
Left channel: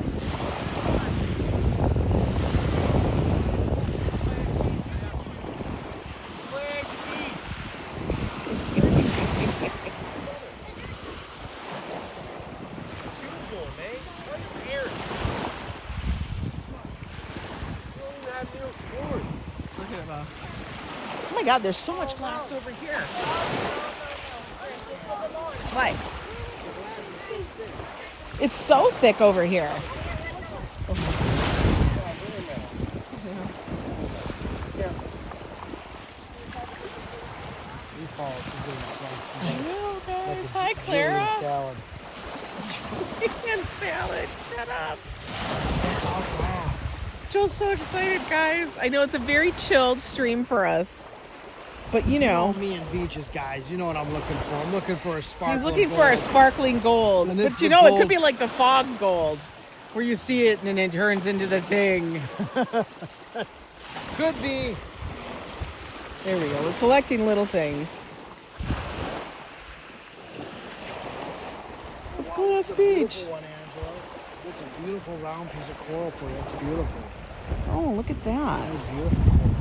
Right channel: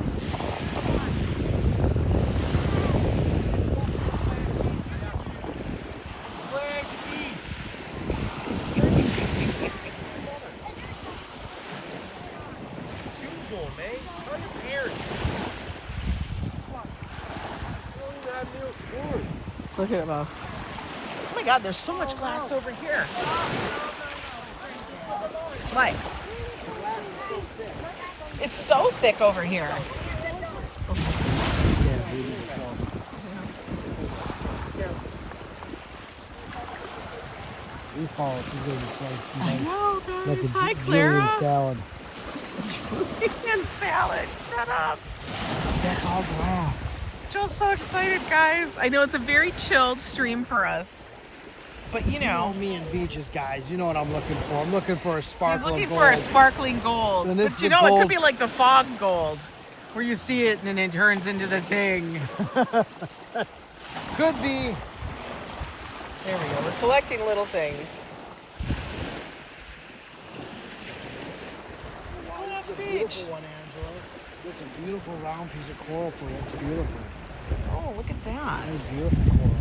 Look at it, Bo. Oh my God, there's so much glass over here. What? It's so thick over here. I know, guys. Hi, Clara. Julian salad. Shut up. It's all glass. Joel's so excited, guys. I know it's a very chilled stream for us. But you know, me and beaches, guys. You know what I'm looking for. I'm looking for a sparkling he's looking gold. for a sparkling gold. And this But is you the know, it gold. could be like the fog gold, where you see it and then it turns into the thing. Could be. There we go. We're collecting little things. Let's go to It's the a beach. beautiful one, Angela. It's a beautiful round piece of coral for you. It's beautiful. Oh, look at that. That is beautiful coral.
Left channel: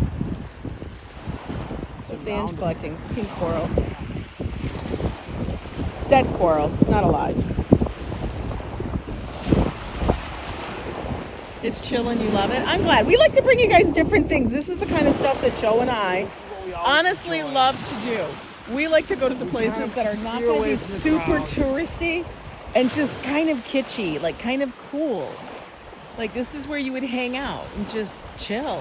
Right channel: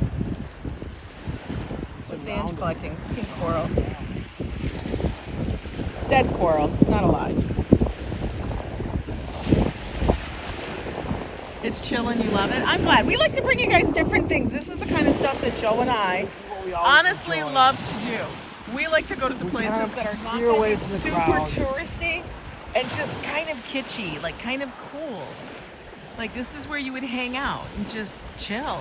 What's Ange collecting? Pink coral. It's dead coral. It's not alive. It's chilling. You love it. I'm glad. We like to bring you guys different things. This is the kind of stuff that Joe and I honestly love to do. We like to go to the places kind of that are not steer away gonna be from the super crowds. touristy and just kind of kitschy, like kind of cool. Like this is where you would hang out and just chill.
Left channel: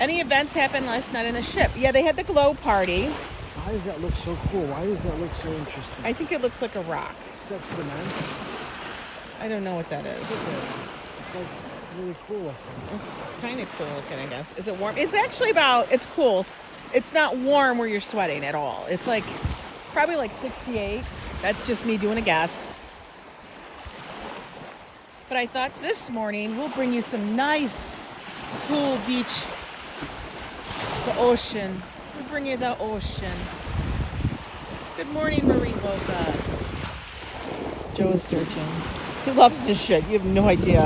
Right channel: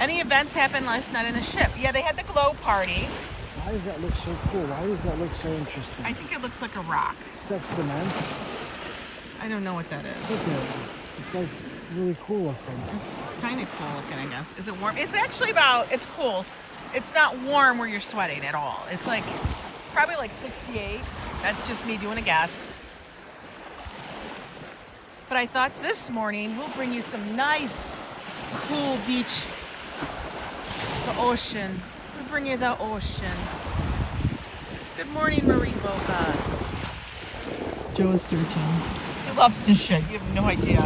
Any events happened last night in the ship? Yeah, they had the glow party. Why does that look so cool? Why does that look so interesting? I think it looks like a rock. Is that cement? I don't know what that is. It's like really cool looking. It's kind of cool looking, I guess. Is it warm? It's actually it's cool. It's not warm where you're sweating at all. It's like probably like 68. That's just me doing a guess. But I thought this morning we'll bring you some nice, cool beach. The ocean. We'll bring you the ocean. Good morning, Marine Bocca. Joe is searching. He loves this shit. You have no idea.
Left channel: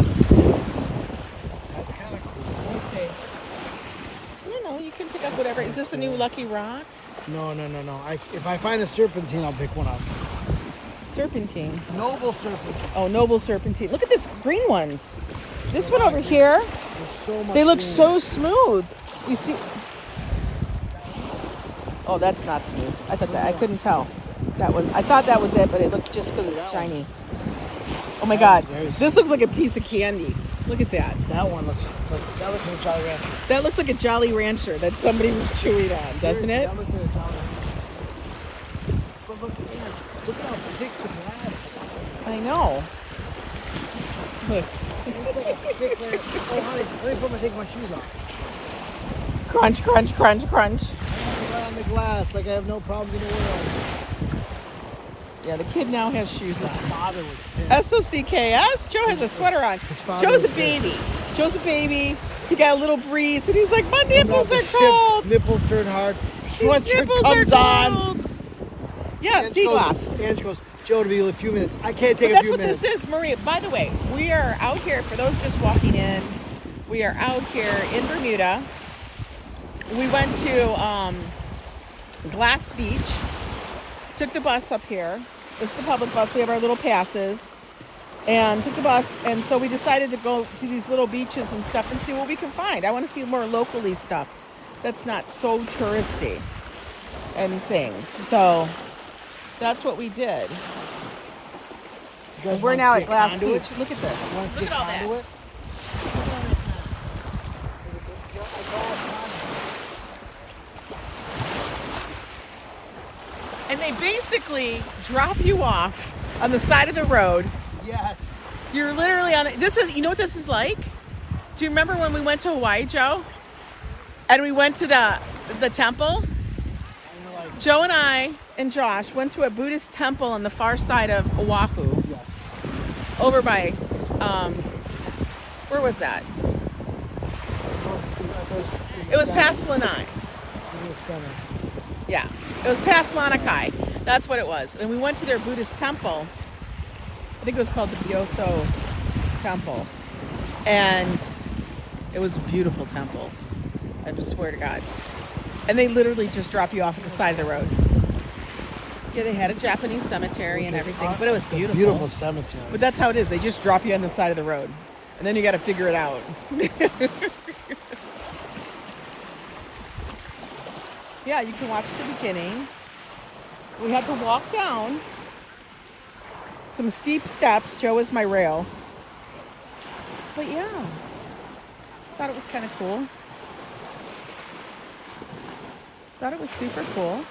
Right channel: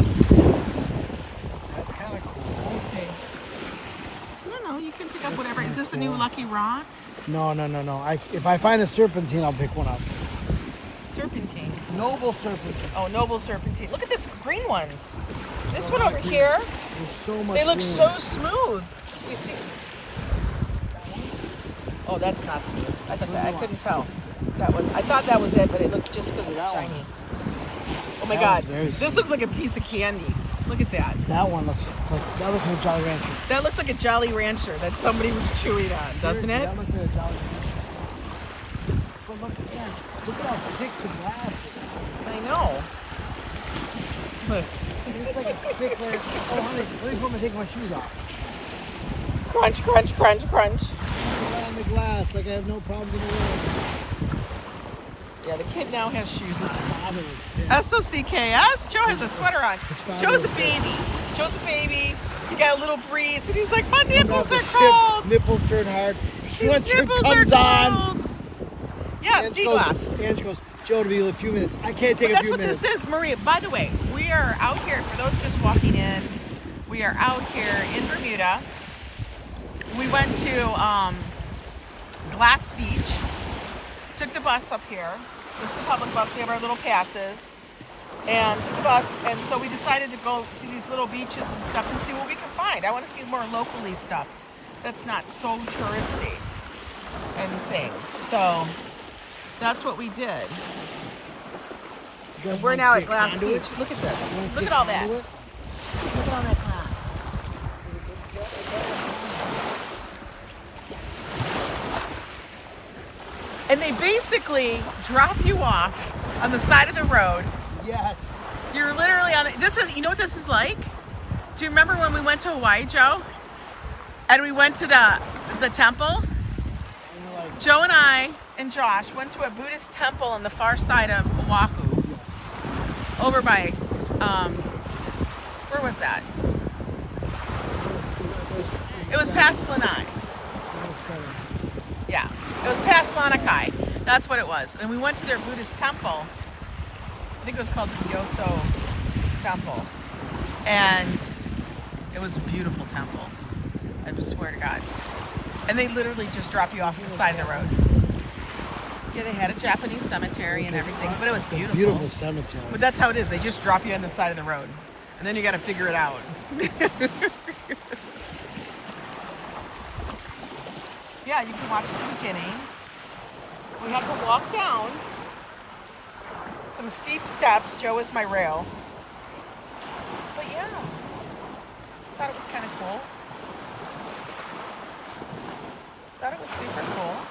That's kind of cool. Let's see. I don't know. You can pick up whatever. Is this a new lucky rock? No. If I find a serpentine, I'll pick one up. Serpentine. Noble serpentine. Oh, noble serpentine. Look at this green ones. This one over here. There's so much They look green. so smooth. You see? Oh, that's not smooth. I couldn't tell. I thought that was it, but it looked just because it's shiny. Oh my God, That one's very this looks like a piece of candy. Look at that. That one looks like a Jolly Rancher. That looks like a Jolly Rancher that somebody was chewing on, doesn't it? That looks like a Jolly Rancher. But look at that. Look how thick the glass is. I know. Look. It's like a thick layer. Let me take my shoes off. Crunch, crunch, crunch, crunch. Right on the glass, like I have no problems in the world. Yeah, the kid now has shoes on. Father was pissed. SOCKS. Joe has a sweater on. father Joe's a was baby. Joe's a baby. He got a little breeze, and he's like, my Come nipples off the are ship, cold. Nipples turn hard. These Sweatshirt nipples comes are on. cold. Yeah, sea glass. Ange goes, Joe, to be a few minutes. I can't take a That's few what minutes. this is, Maria. By the way, we are out here, for those just walking in, we are out here in Bermuda. We went to Glass Beach, took the bus up here. It's the public bus. We have our little passes. And took the bus, and so we decided to go to these little beaches and stuff and see what we can find. I want to see more locally stuff that's not so touristy and things. So that's what we did. You guys We're wanna now see at a Glass conduit? Beach. Look at this. You wanna see Look a at all that. conduit? Look at all that glass. And they basically drop you off on the side of the road. Yes. You're literally on it. This is, you know what this is like? Do you remember when we went to Hawaii, Joe? And we went to the temple? Joe and I and Josh went to a Buddhist temple on the far side of Oahu. Yes. Over by, where was that? It was past Lanai. Yeah, it was past Lanakai. That's what it was. And we went to their Buddhist temple. I think it was called the Gyoto Temple. And it was a beautiful temple. I just swear to God. And they literally just drop you off at the side of the road. Yeah, they had a Japanese cemetery and everything, but it was beautiful. Beautiful cemetery. But that's how it is. They just drop you on the side of the road. And then you got to figure it out. Yeah, you can watch the beginning. We had to walk down some steep steps. Joe was my rail. But yeah, thought it was kind of cool. Thought it was super cool.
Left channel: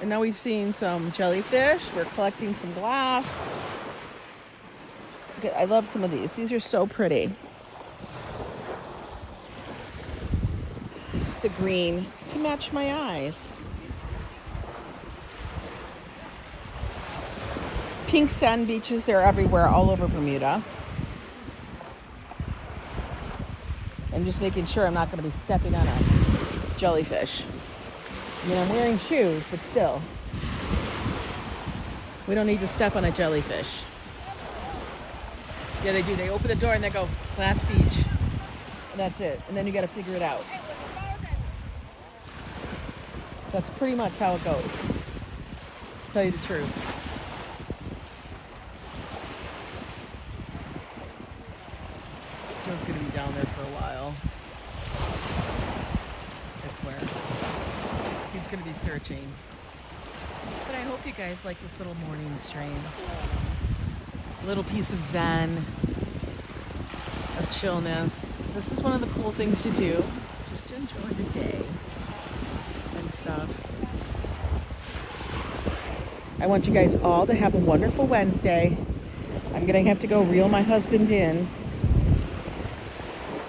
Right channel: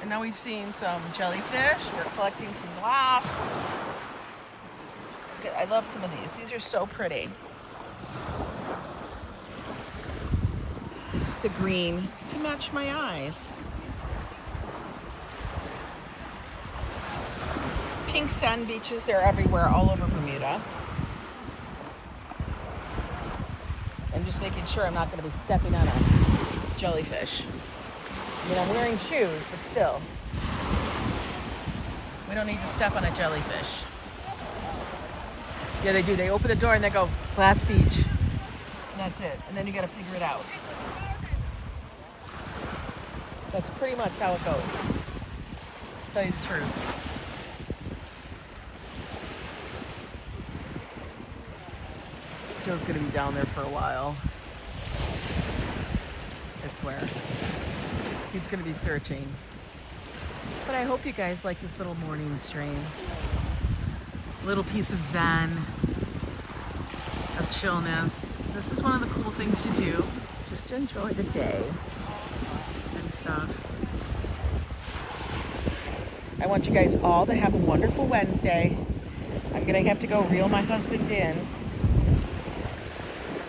And now we've seen some jellyfish. We're collecting some glass. I love some of these. These are so pretty. The green to match my eyes. Pink sand beaches, they're everywhere, all over Bermuda. I'm just making sure I'm not going to be stepping on jellyfish. You know, I'm wearing shoes, but still. We don't need to step on a jellyfish. Yeah, they do. They open the door and they go, Glass Beach. And that's it. And then you got to figure it out. That's pretty much how it goes. To tell you the truth. Joe's going to be down there for a while. I swear. He's going to be searching. But I hope you guys like this little morning stream. Little piece of zen, of chillness. This is one of the cool things to do. Just to enjoy the day and stuff. I want you guys all to have a wonderful Wednesday. I'm going to have to go reel my husband in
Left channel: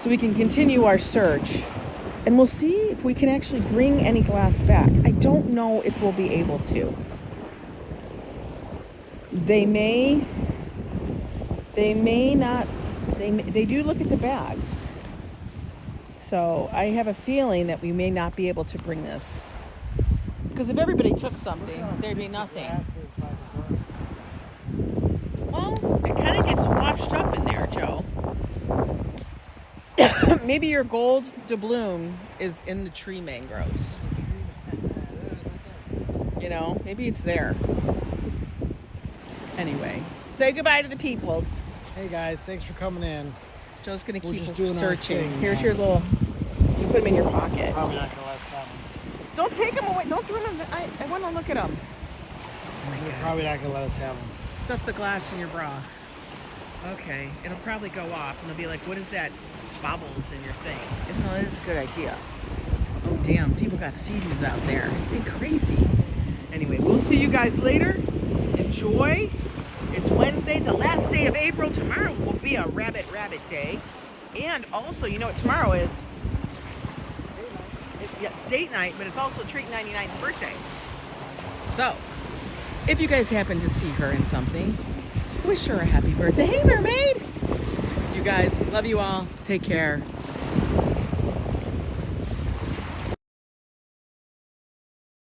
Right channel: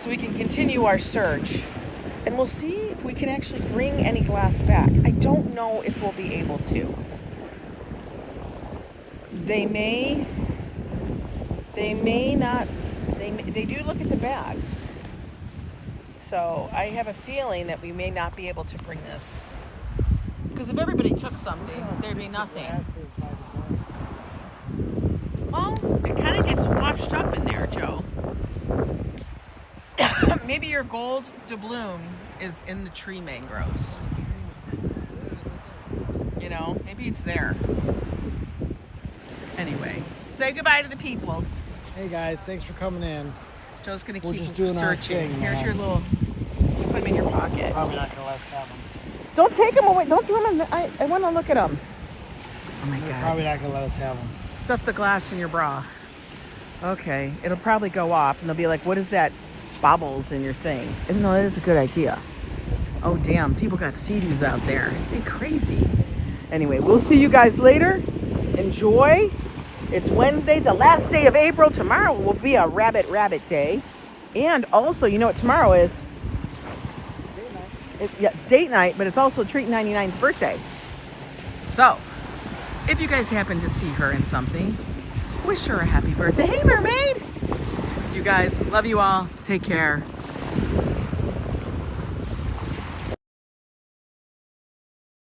so we can continue our search. And we'll see if we can actually bring any glass back. I don't know if we'll be able to. They may not, they do look at the bags. So I have a feeling that we may not be able to bring this. Because if everybody took something, there'd be nothing. Well, it kind of gets washed up in there, Joe. Maybe your gold doubloon is in the tree mangroves. You know, maybe it's there. Anyway, say goodbye to the peoples. Hey guys, thanks for coming in. Joe's gonna We're keep just doing our searching. thing, Here's man. your little. Put them in your pocket. Probably not gonna let us have them. Don't take them away. Don't give them. I want to look at them. Oh my They're God. probably not gonna let us have them. Stuff the glass in your bra. Okay, it'll probably go off, and they'll be like, "What is that? Bobbles in your thing?" Even though that is a good idea. Oh damn! People got sea-doos out there. They're crazy. Anyway, we'll see you guys later. Enjoy. It's Wednesday, the last day of April. Tomorrow will be a rabbit day. And also, you know what tomorrow is? It's date night, but it's also Treat 99's birthday. So, if you guys happen to see her in something, wish her a happy birthday. Hey, mermaid! You guys, love you all. Take care.